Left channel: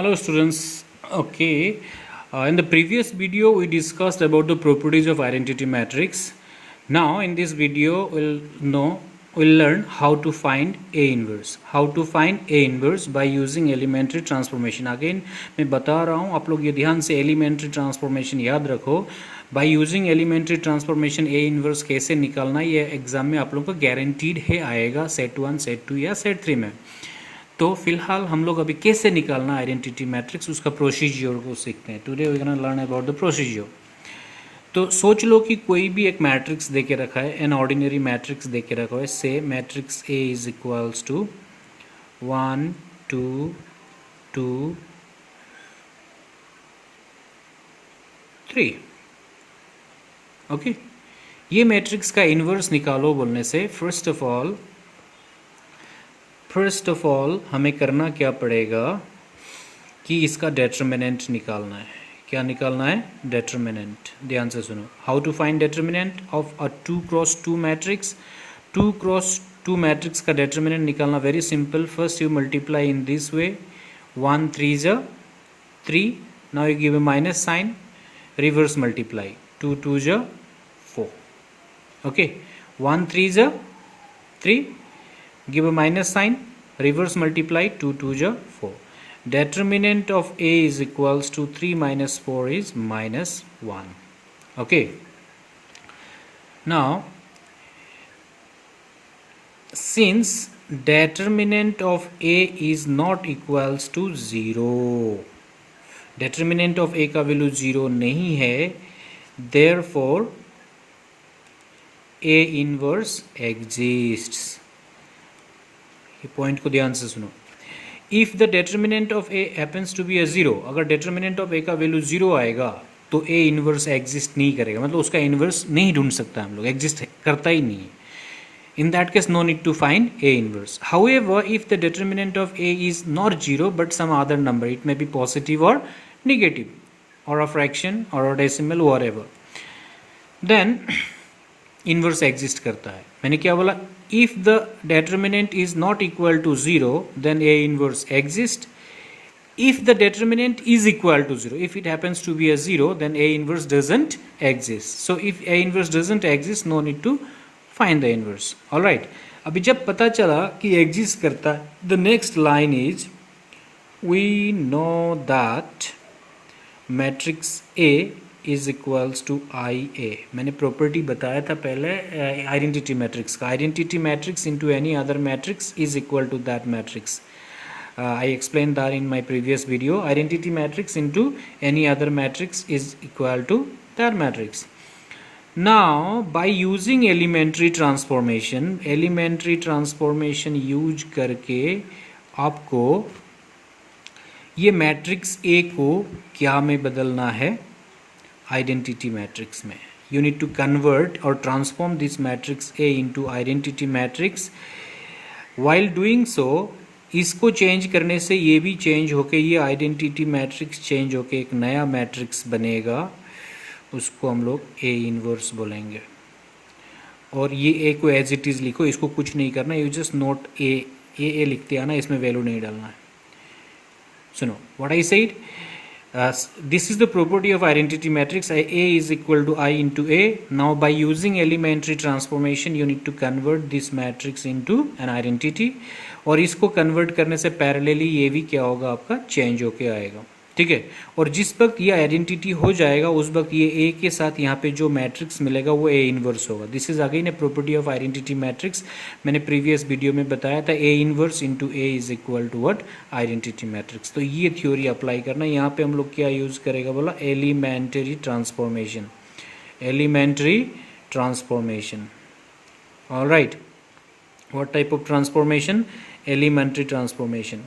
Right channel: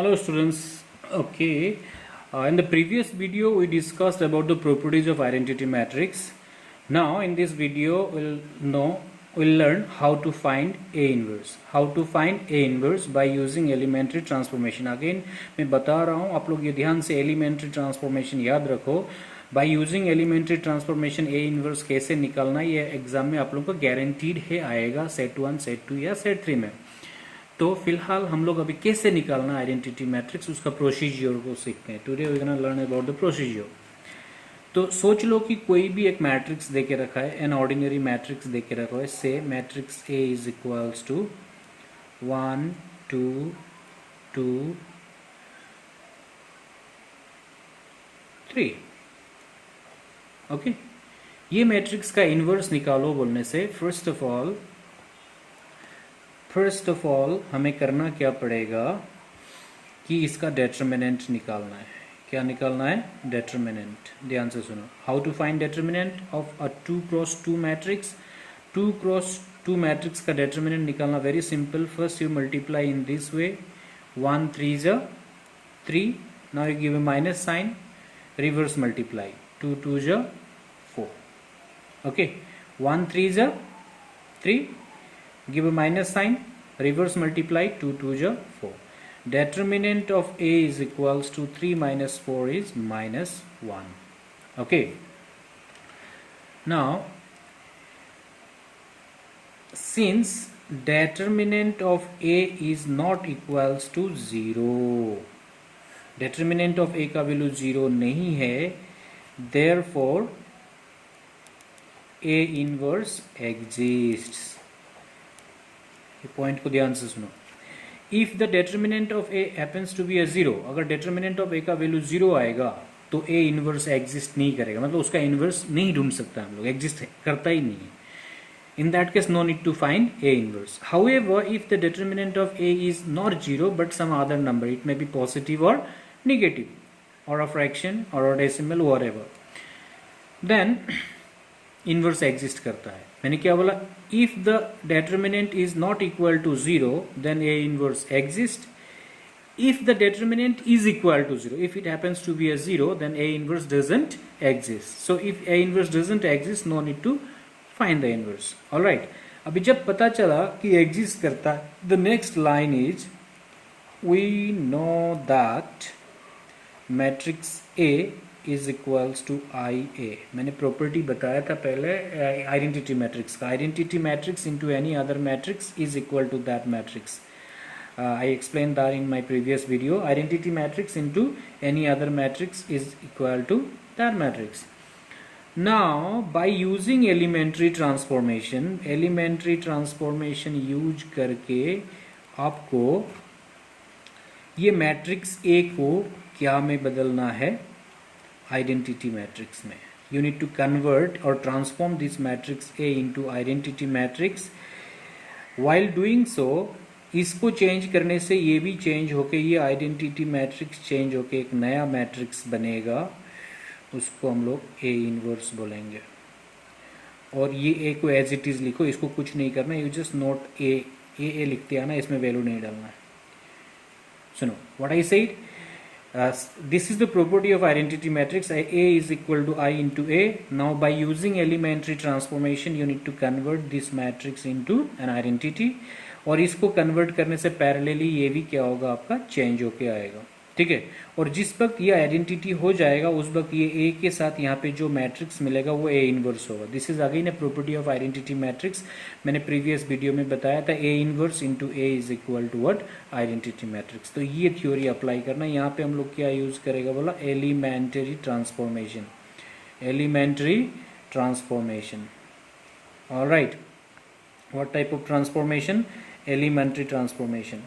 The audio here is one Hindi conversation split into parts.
Hello students. Okay, in the previous video we discussed about the properties of identity matrix. Now in this video we'll learn how to find A inverse. How to find A inverse by using elementary transformation. Again मैं बता रहा हूँ, आप लोग ये ध्यान से elementary transformation याद रखो. By using elementary transformation A inverse कैसे निकालना, ये एग्जाम में आप लोगों को guaranteed है आएगा सेट 1, सेट 2 या सेट 3 में. तो फिलहाल हम लोग अभी कैसे निकालना आइडेंटिटी मैट्रिक्स, उसका प्रोसीजर को सीखते हैं. Today we gonna learn about the procedure. तो सोच लो कि कोई भी एक मैट्रिक्स दे के रखा है, एन ऑर्डिनरी मैट्रिक्स दे के रखा है. से matrix A is equals to 1 2 2 3. Okay, ये मैट्रिक्स का इन्वर्स निकालो बोलने से फर्स्ट ऑफ ऑल हमें करना क्या पड़ेगा कि इसका डेटर्मिनेंट निकालना है. क्या निकालना है? डेटर्मिनेंट. ध्यान से सुनो. How to find determinant of a 2x2 matrix. 2x2 matrix का डेटर्मिनेंट निकालना very simple. First you multiply in this way. 1 3 is 3. Now you give a minus sign. Reverse multiply. 2 2 is 4. Okay, 1 3 is 3. Give a minus sign, reverse multiply. 2 2 is 4. Determinant of A is equals to 3 minus 4 is minus 1. Okay, now since determinant of A is not equals to 0, determinant of A का वैल्यू 0 नहीं है, therefore A inverse exists. ये पॉइंट को ध्यान से सुनो. If the determinant of A happens to be a 0, अगर डेटर्मिनेंट ऑफ ए का वैल्यू 0 आएगा तो ए इनवर्स एग्जिस्ट नहीं करेगा, मतलब उसका इनवर्स नहीं ढूंढ सकता हम लोग, एग्जिस्ट करता ही नहीं है. In that case no need to find A inverse. However if the determinant of A is not 0 but some other number, it may be positive और नेगेटिव और अ फ्रैक्शन और a decimal whatever, then inverse exist करता है. मैंने क्या बोला? If the determinant is not equal to 0 then A inverse exist. If the determinant is equal to 0, if it happens to be a 0 then A inverse doesn't exist. So if A inverse doesn't exist no need to find the inverse. Alright, अभी जब पता चला कि एग्जिस्ट करता है, the next line is we know that matrix A is equals to I A. मैंने प्रॉपर्टी बताया था पहले आइडेंटिटी मैट्रिक्स का. Identity matrix into any other matrix is equal to that matrix. I explain that in my previous video. Identity matrix into any other matrix is equal to that matrix. Now by using elementary transformation use करके आपको ये मैट्रिक्स ए को क्या में बदलना है? identity matrix में. You need to convert or transform this matrix A into identity matrix. While doing so, इसको चेंज करने से ये भी चेंज होके ये आइडेंटिटी मैट्रिक्स चेंज होके एक नया मैट्रिक्स बनेगा. उसको हम लोग A इनवर्स बोलेंगे. और ये A को एज इट इज़ लिखो, इसको कुछ नहीं करना. यू जस्ट नोट ए लिखते आना, इसमें वैल्यू नहीं डालना है. सुनो what I said. This is the property of identity matrix. A is equal to I into A. Now by using elementary transformation you need to convert this matrix into an identity. और इसको convert करने से parallelly ये भी क्या होगा आपका change होके आएगा. ठीक है, और जिस वक्त ये आइडेंटिटी हो जाएगा उस वक्त ये ए के साथ यहाँ पे जो मैट्रिक्स मिलेगा वो ए इनवर्स होगा. This is again a property of identity matrix. मैंने प्रीवियस वीडियो में बताया था A inverse into A is equal to what? Identity matrix. तो ये थ्योरी अप्लाई करना. यहाँ पे हम लोग क्या यूज करेगा बोला? Elementary transformation. Elementary transformation. Alright, what type of transformation? Elementary transformation.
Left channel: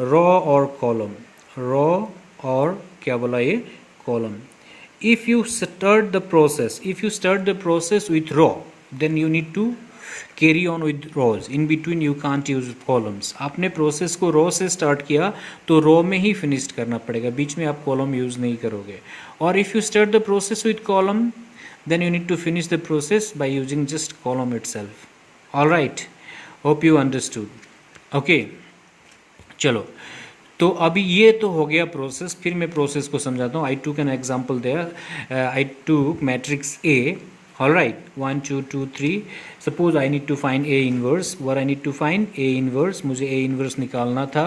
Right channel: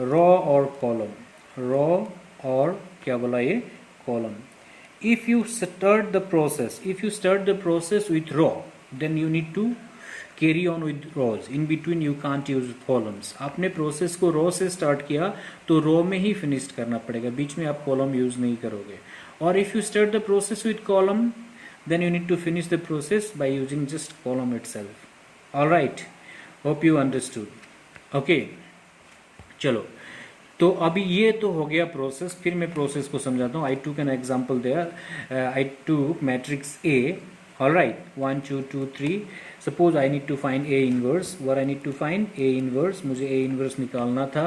Row और कॉलम. रॉ और क्या बोला ये? Column. If you start the process with row then you need to carry on with rows. In between you can't use columns. आपने प्रोसेस को रॉ से स्टार्ट किया तो रॉ में ही फिनिश करना पड़ेगा, बीच में आप कॉलम यूज नहीं करोगे. और if you start the process with column then you need to finish the process by using just column itself. Alright, hope you understood. Okay, चलो तो अभी ये तो हो गया प्रोसेस, फिर मैं प्रोसेस को समझाता हूँ. आई टूक an example there. I took matrix A. All right, 1 2 2 3. Suppose I need to find A inverse. What I need to find? A inverse. मुझे A inverse निकालना था.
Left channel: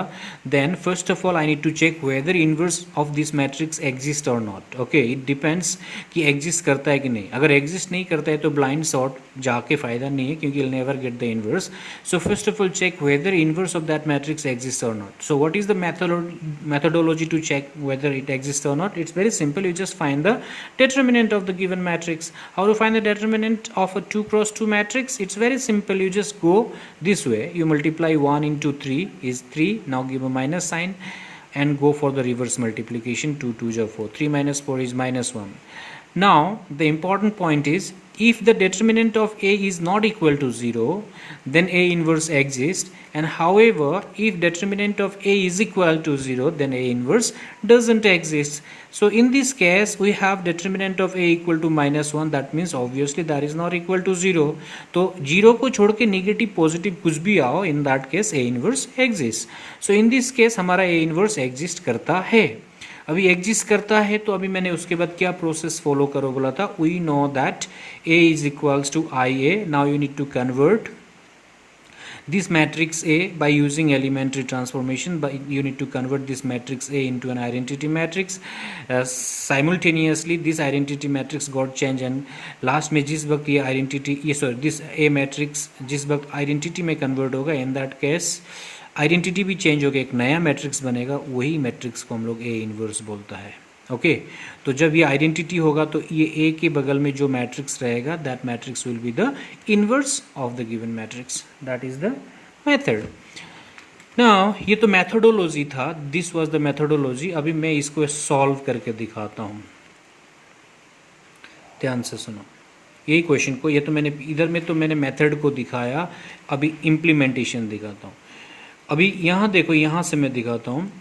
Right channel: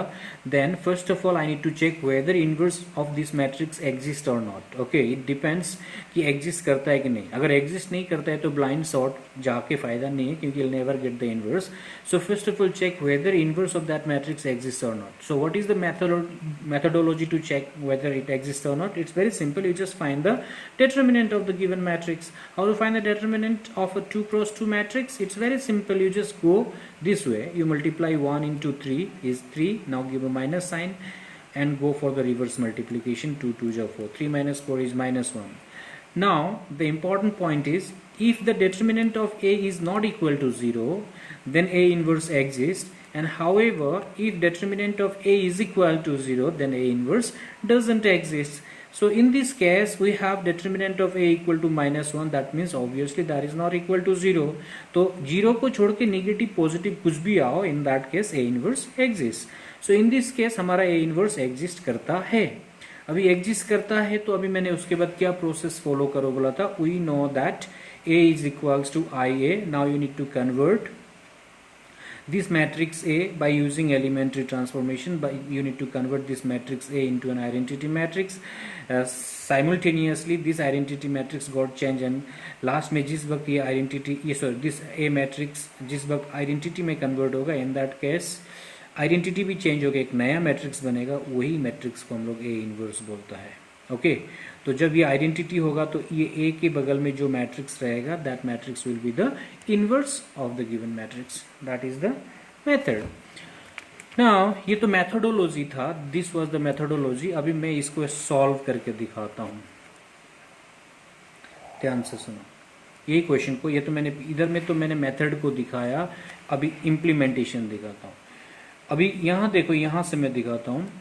Then first of all I need to check whether inverse of this matrix exists or not. Okay, it depends कि exist करता है कि नहीं. अगर exist नहीं करता है तो blind sort जाके फ़ायदा नहीं है, क्योंकि you'll never get the inverse. So first of all check whether inverse of that matrix exists or not. So what is the methodology to check whether it exists or not? It's very simple. You just find the determinant of the given matrix. How to find the determinant of a 2 cross 2 matrix? It's very simple. You just go this way. You multiply 1 into 3 is 3. Now give a minus sign and go for the reverse multiplication. 2 2 is 4. 3 minus 4 is minus 1. Now the important point is, if the determinant of A is not equal to 0, then A inverse exists, and however if determinant of A is equal to 0, then A inverse doesn't exist. So in this case we have determinant of A equal to minus 1. That means obviously that is not equal to 0. तो 0 को छोड़ के नेगेटिव पॉजिटिव कुछ भी आओ, in that case A inverse exists. So in this case हमारा A inverse exist करता है. अभी एग्जिस्ट करता है, तो अभी मैंने उसके बाद क्या प्रोसेस फॉलो करो बोला था. We know that A is equals to I A. Now you need to convert this matrix A by using elementary transformation. But you need to convert this matrix A into an identity matrix. Simultaneously this identity matrix got changed, and last में जिस वक्त ये identity this A matrix जिस वक्त identity में convert होगा, in that case आइडेंटिटी भी चेंज होगा, एक नया मैट्रिक्स बनेगा. वही मैट्रिक्स को हम लोग ए इनवर्स बोलता है. ओके, तो जब ये आइडेंटिटी होगा तो ये ए के बगल में जो मैट्रिक्स रहेगा, that matrix will be the inverse of the given matrix. That is the method. Now ये तो मैथडोलॉजी था. This was the methodology. अभी मैं इसको सॉल्व करके दिखाता हूँ. ध्यान से सुनो यही क्वेश्चन को. ये तो मैंने इधर में तो मैंने मेथड को दिखाया, अभी इम्प्लीमेंटेशन दिखाता हूँ. अभी यहाँ देखो, यहाँ से मैं दिखाता हूँ.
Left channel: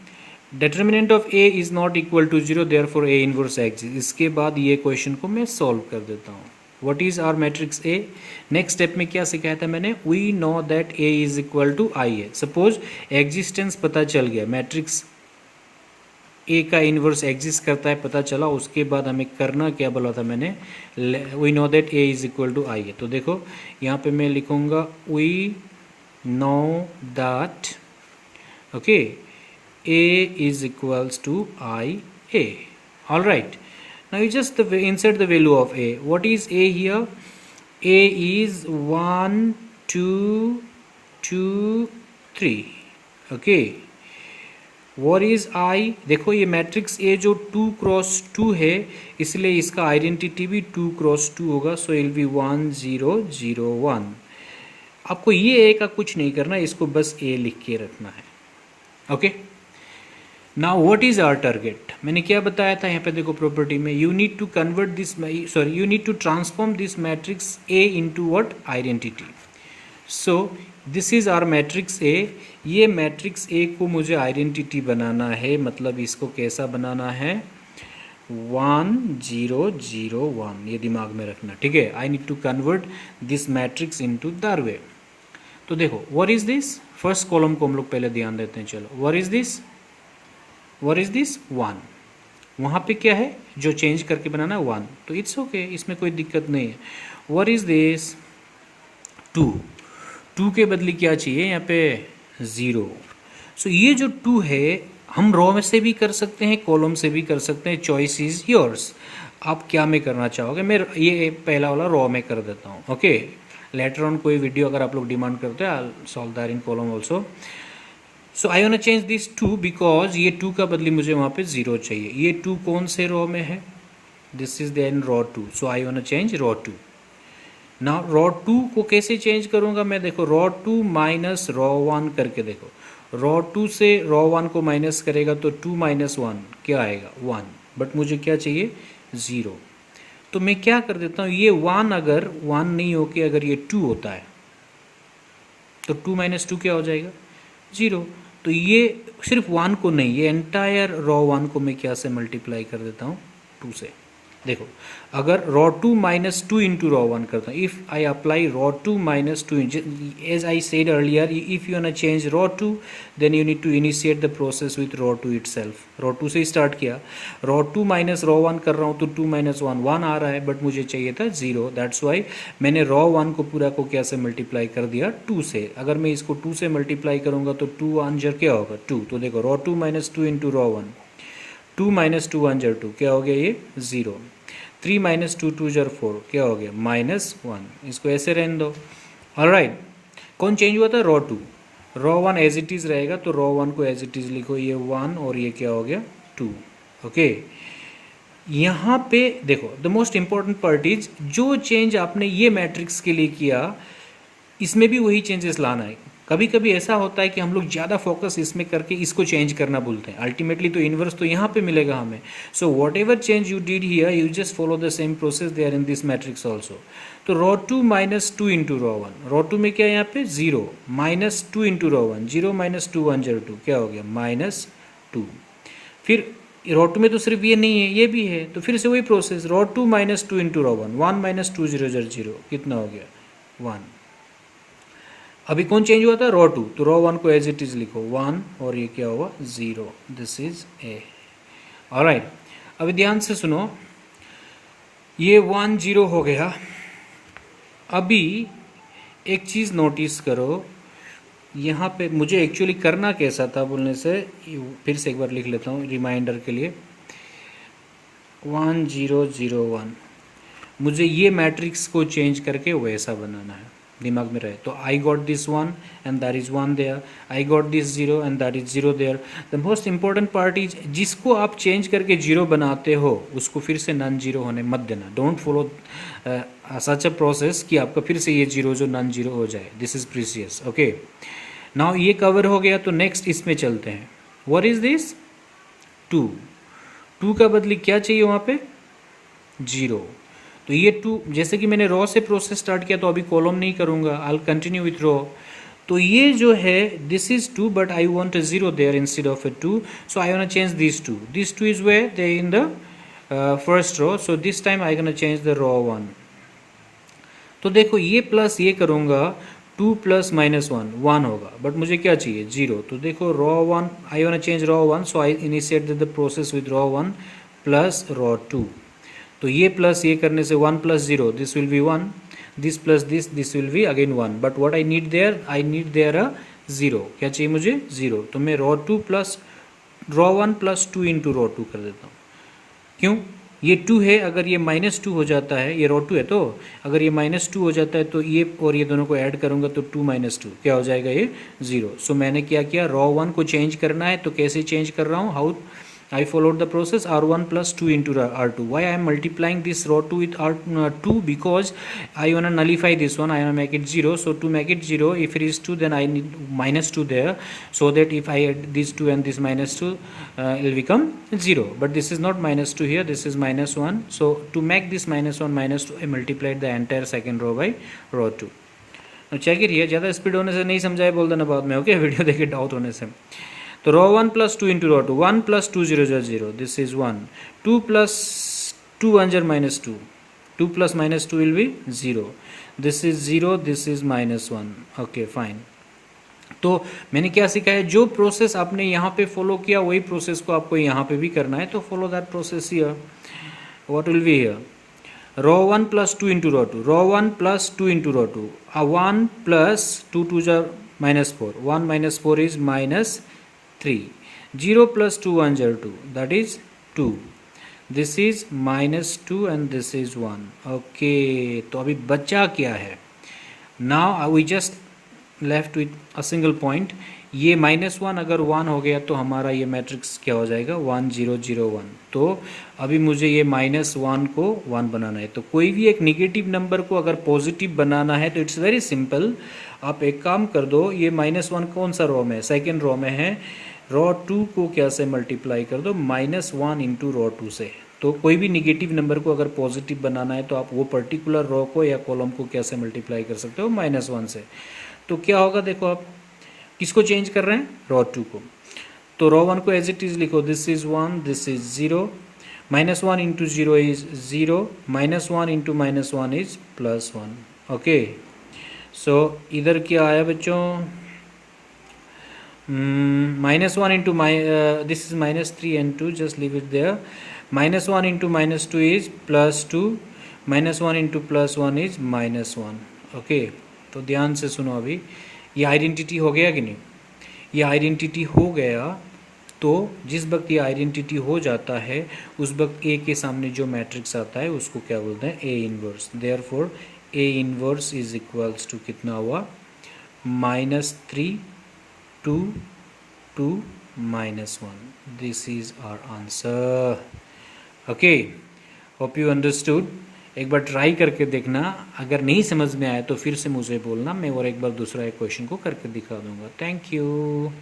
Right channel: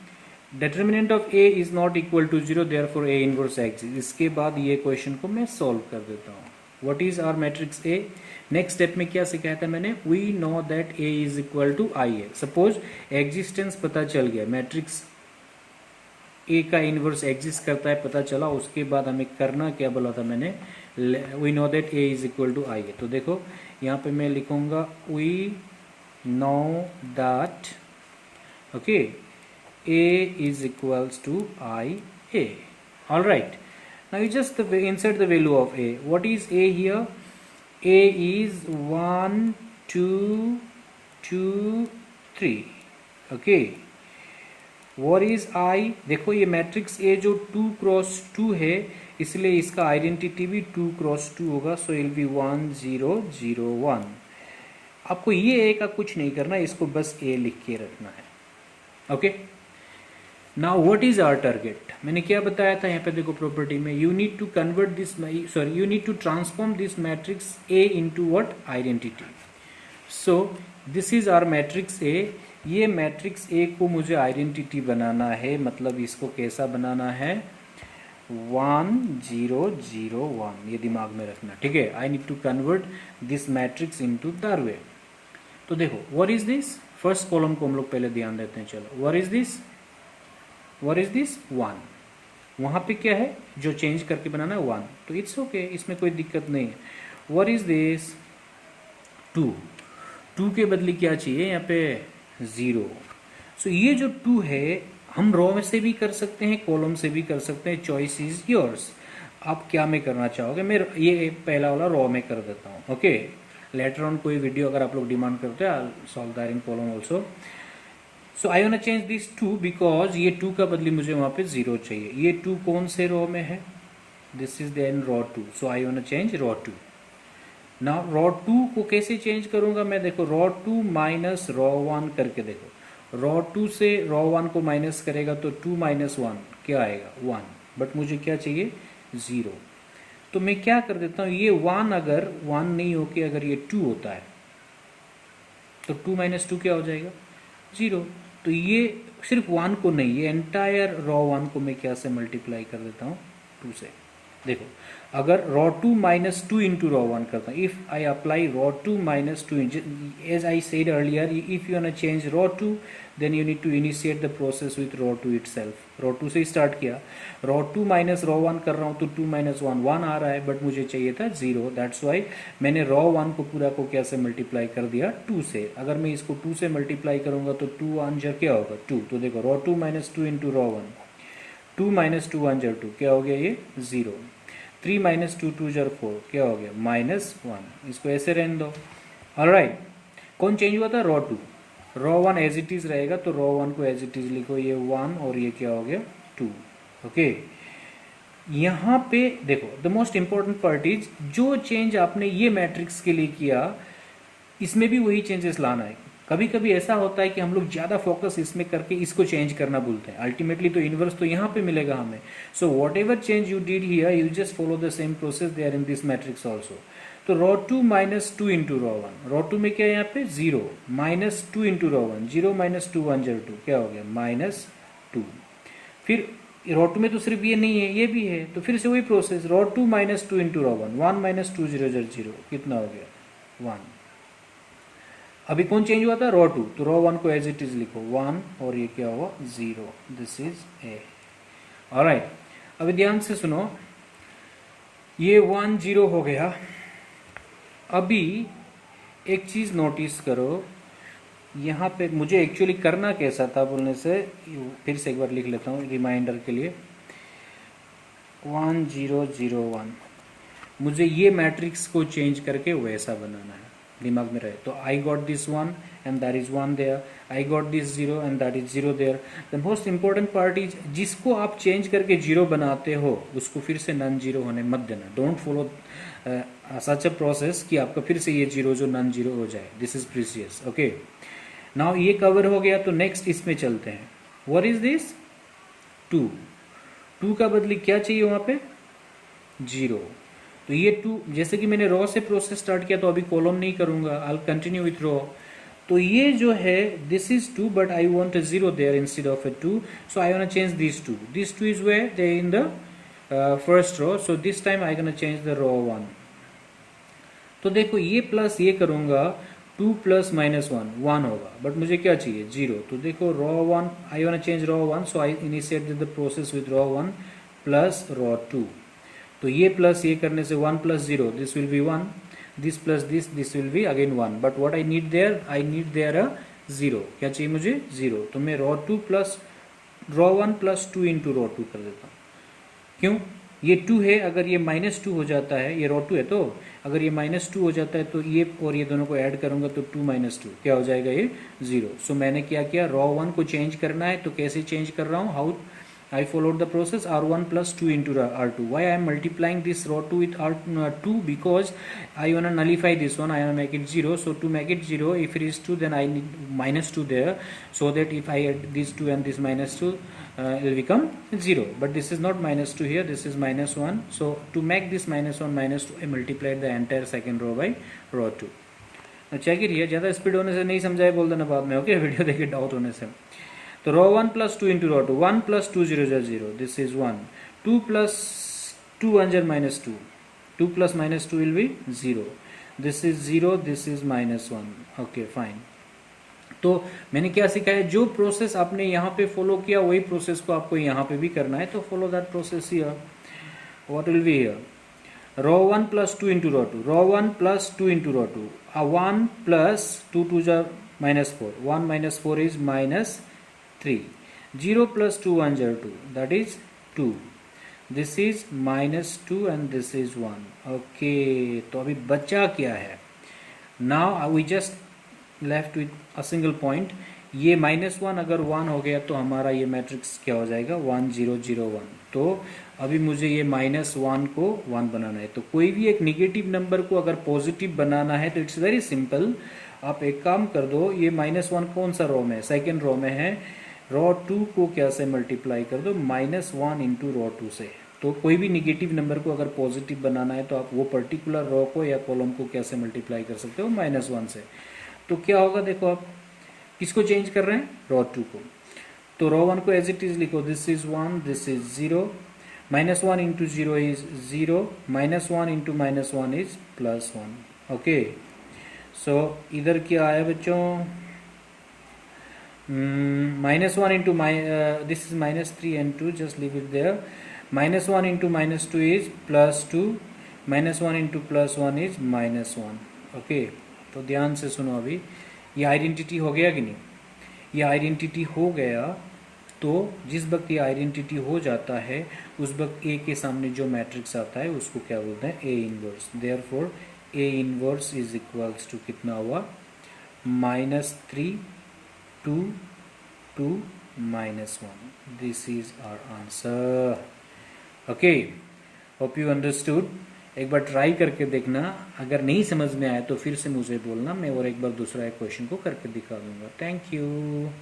Determinant of A is not equal to 0, therefore A inverse exist. इसके बाद ये क्वेश्चन को मैं सॉल्व कर देता हूँ. What is our matrix A? Next step में क्या सिखाया था मैंने? We know that A is equal to I A. Suppose existence पता चल गया, मैट्रिक्स ए का इनवर्स एग्जिस्ट करता है पता चला. उसके बाद हमें करना क्या बोला था मैंने? We know that A is equal to I A. तो देखो यहाँ पे मैं लिखूँगा we know that okay A is equals to IA. all right, now you just insert the value of A. What is A here? A is 1 2 2 3. okay, what is I? देखो ये मैट्रिक्स A जो 2 क्रॉस 2 है, इसलिए इसका आइडेंटिटी भी 2 क्रॉस 2 होगा. So it will be 1 0 0 1. आपको ये ए का कुछ नहीं करना, इसको बस ए लिख के रखना है. Okay, now what is our target? मैंने क्या बताया था यहाँ पे देखो प्रॉपर्टी में, you need to convert this, sorry you need to transform this matrix A into what? Identity. So this is our matrix A. ये मैट्रिक्स ए को मुझे आइडेंटिटी बनाना है. मतलब इसको कैसा बनाना है? 1 0 0 1. ये दिमाग में रखना, ठीक है. I need to convert this matrix into that way. तो देखो what is this? First column को हम लोग पहले ध्यान देते हैं. चलो what is this? What is this? 1. वहाँ पे क्या है जो चेंज करके बनाना? 1. तो इट्स ओके, इसमें कोई दिक्कत नहीं है. What is this? 2. 2 के बदले क्या चाहिए यहाँ पे? 0. सो ये जो 2 है हम रॉ में से भी कर सकते हैं, कॉलम से भी कर सकते हैं. Choice is yours. आप क्या में करना चाहोगे? मैं ये पहला वाला रॉ में कर देता हूँ. ओके, लेटर ऑन कोई वीडियो अगर आप लोग डिमांड करते हैं, I solve that in column also. So I want to change this 2 because ये 2 का बदले मुझे वहाँ पे 0 चाहिए. ये 2 कौन से रॉ में है? This is then row 2. So I want to change row 2. Now row 2 को कैसे चेंज करूँगा मैं? देखो रॉ 2 माइनस रॉ 1 करके देखो. रॉ 2 से रॉ 1 को माइनस करेगा तो 2 माइनस 1 क्या आएगा? 1. बट मुझे क्या चाहिए? 0. तो मैं क्या कर देता हूँ, ये 1 अगर 1 नहीं हो के अगर ये 2 होता है तो 2 माइनस 2 क्या हो जाएगा? 0. तो ये सिर्फ 1 को नहीं, ये एंटायर रॉ 1 को मैं क्या से मल्टीप्लाई कर देता हूँ? 2 से. देखो अगर row two minus two into row one करता हूँ, if I apply row two minus two, as I said earlier, if you want change row two then you need to initiate the process with row two itself. Row two से स्टार्ट किया, row two minus row one कर रहा हूँ तो टू माइनस वन वन आ रहा है, बट मुझे चाहिए था जीरो, दैट्स वाई मैंने रॉ वन को पूरा को क्या से मल्टीप्लाई कर दिया, टू से। अगर मैं इसको टू से मल्टीप्लाई करूँगा तो टू वन जर क्या होगा, टू। तो देखो row two minus two into row one, two minus two one जर टू, क्या हो गया ये, zero. Three minus two two जर फोर, क्या हो गया, माइनस वन। इसको ऐसे रहने दो। ऑलराइट, कौन चेंज हुआ था, row two. Row one as it is रहेगा तो रॉ वन को एज इट इज़ लिखो, ये वन और ये क्या हो गया, टू। ओके, यहाँ पे देखो the most important part is, जो चेंज आपने ये मैट्रिक्स के लिए किया इसमें भी वही चेंजेस लाना है। कभी कभी ऐसा होता है कि हम लोग ज़्यादा फोकस इसमें करके इसको चेंज करना भूलते हैं, अल्टीमेटली तो इन्वर्स तो यहाँ पे मिलेगा हमें। So whatever change you did here, you just follow the same process they are in this matrix also. तो row two minus two into row one, row two में क्या है यहाँ पे, zero, minus two into row one, zero minus two one जर टू, क्या हो गया, माइनस टू। फिर रॉ टू में तो सिर्फ ये नहीं है, ये भी है, तो फिर से वही process, row two minus two into row one, one minus two zero जर जीरो, कितना हो गया, वन। अभी कौन चेंज हुआ था, रॉ टू, तो रॉ वन को एज इट इज लिखो, वन, और ये क्या हुआ, zero, this is A. Alright, अभी ध्यान से सुनो, ये वन जीरो हो गया। अभी एक चीज़ नोटिस करो, यहाँ पे मुझे एक्चुअली करना कैसा था बोलने से, फिर से एक बार लिख लेता हूँ रिमाइंडर के लिए, 1 0 0 1, मुझे ये मैट्रिक्स को चेंज करके वैसा बनाना है, दिमाग में रहे। तो I got this one and that is one there, I got this zero and that is zero there. The most important part is, जिसको आप चेंज करके जीरो बनाते हो उसको फिर से नॉन जीरो होने मत देना। Don't follow such a process कि आपका फिर से ये जीरो जो नॉन जीरो हो जाए, this is precious. Okay, now ये कवर हो गया, तो नेक्स्ट इसमें चलते हैं। What is this, two, two का बदले क्या चाहिए वहाँ पे, जीरो। तो ये टू, जैसे कि मैंने रॉ से प्रोसेस स्टार्ट किया तो अभी कॉलम नहीं करूँगा, आई कंटिन्यू विथ रॉ। तो ये जो है this is two, but I want a zero there instead of a two, so I want change this two is where they in the first row, so this time I gonna change the row one. तो देखो ये प्लस ये करूँगा, two plus minus one, one होगा, बट मुझे क्या चाहिए, जीरो। तो देखो row one, I want change row one, so I initiate the process with row one plus row two. तो ये प्लस ये करने से one plus zero, this will be one, this plus this will be again one, but what I need there, I need there a zero. क्या चाहिए मुझे, जीरो। तो मैं row two plus row one plus two into row two कर देता हूँ। क्यों, ये टू है, अगर ये माइनस टू हो जाता है, ये रॉ टू है, तो अगर ये माइनस टू हो जाता है तो ये और ये दोनों को ऐड करूँगा तो टू माइनस टू क्या हो जाएगा, ये जीरो। सो मैंने क्या किया, रॉ वन को चेंज करना है, तो कैसे चेंज कर रहा हूँ, how I followed the process, r1 plus 2 into r2. Why I am multiplying this rho 2 with r2, because I want to nullify this one, I want to make it 0. So to make it 0, if it is 2, then I need minus 2 there, so that if I add this 2 and this minus 2, it will become 0. But this is not minus 2 here, this is minus 1. So to make this minus 1 minus 2, I multiplied the entire second row by rho 2. Now check it here, ज़्यादा स्पीड होने से नहीं समझाए बोल देना बाद में, ओके, वीडियो देखे डाउट होने से। तो row one plus two into row two, one plus two zero जर zero, this is one, two plus two one जर minus two, two plus minus two will be zero, this is zero, this is minus one. Okay fine. तो मैंने क्या सीखा है, जो प्रोसेस आपने यहाँ पे फॉलो किया वही प्रोसेस को आपको यहाँ पे भी करना है, तो follow that process here. What will be here, row one plus two into row two, row one plus two into row two, one plus two two जर minus four, one minus four is minus 3, 0 plus 2 1 jar 2, that is 2, this is minus 2 and this is 1. okay, तो अभी बचा क्या है, now we just left with a single point। ये माइनस वन अगर वन हो गया तो हमारा ये मैट्रिक्स क्या हो जाएगा, 1 0 0 1। तो अभी मुझे ये माइनस वन को वन बनाना है। तो कोई भी एक निगेटिव नंबर को अगर पॉजिटिव बनाना है तो इट्स वेरी सिंपल, आप एक काम कर दो, ये माइनस वन कौन सा रो में है, सेकेंड रो में है, रॉ टू को क्या से मल्टीप्लाई कर दो, minus one into row two से। तो कोई भी निगेटिव नंबर को अगर पॉजिटिव बनाना है तो आप वो पर्टिकुलर रॉ को या कॉलम को कैसे मल्टीप्लाई कर सकते हो, माइनस वन से। तो क्या होगा, देखो आप किसको चेंज कर रहे हैं, रॉ टू को। तो रॉ वन को एज इट इज लिखो, this is one, this is zero, -1 into 0 is 0, -1 into -1 is +1. Okay, सो इधर क्या आया बच्चों, -1 into this is -3 and 2, just leave it there. -1 into -2 is +2, -1 into +1 is -1. Okay, तो ध्यान से सुनो, अभी ये आइडेंटिटी हो गया कि नहीं? ये आइडेंटिटी हो गया, तो जिस वक्त ये आइडेंटिटी हो जाता है उस वक्त ए के सामने जो मैट्रिक्स आता है उसको क्या बोलते हैं? A inverse. Therefore A inverse is equals to कितना हुआ? -3 2 2 -1. This is our answer. Okay, hope you understood. एक बार ट्राई करके देखना, अगर नहीं समझ में आया तो फिर से मुझे बोलना, मैं और एक बार दूसरा एक क्वेश्चन को करके दिखा दूंगा. Thank you.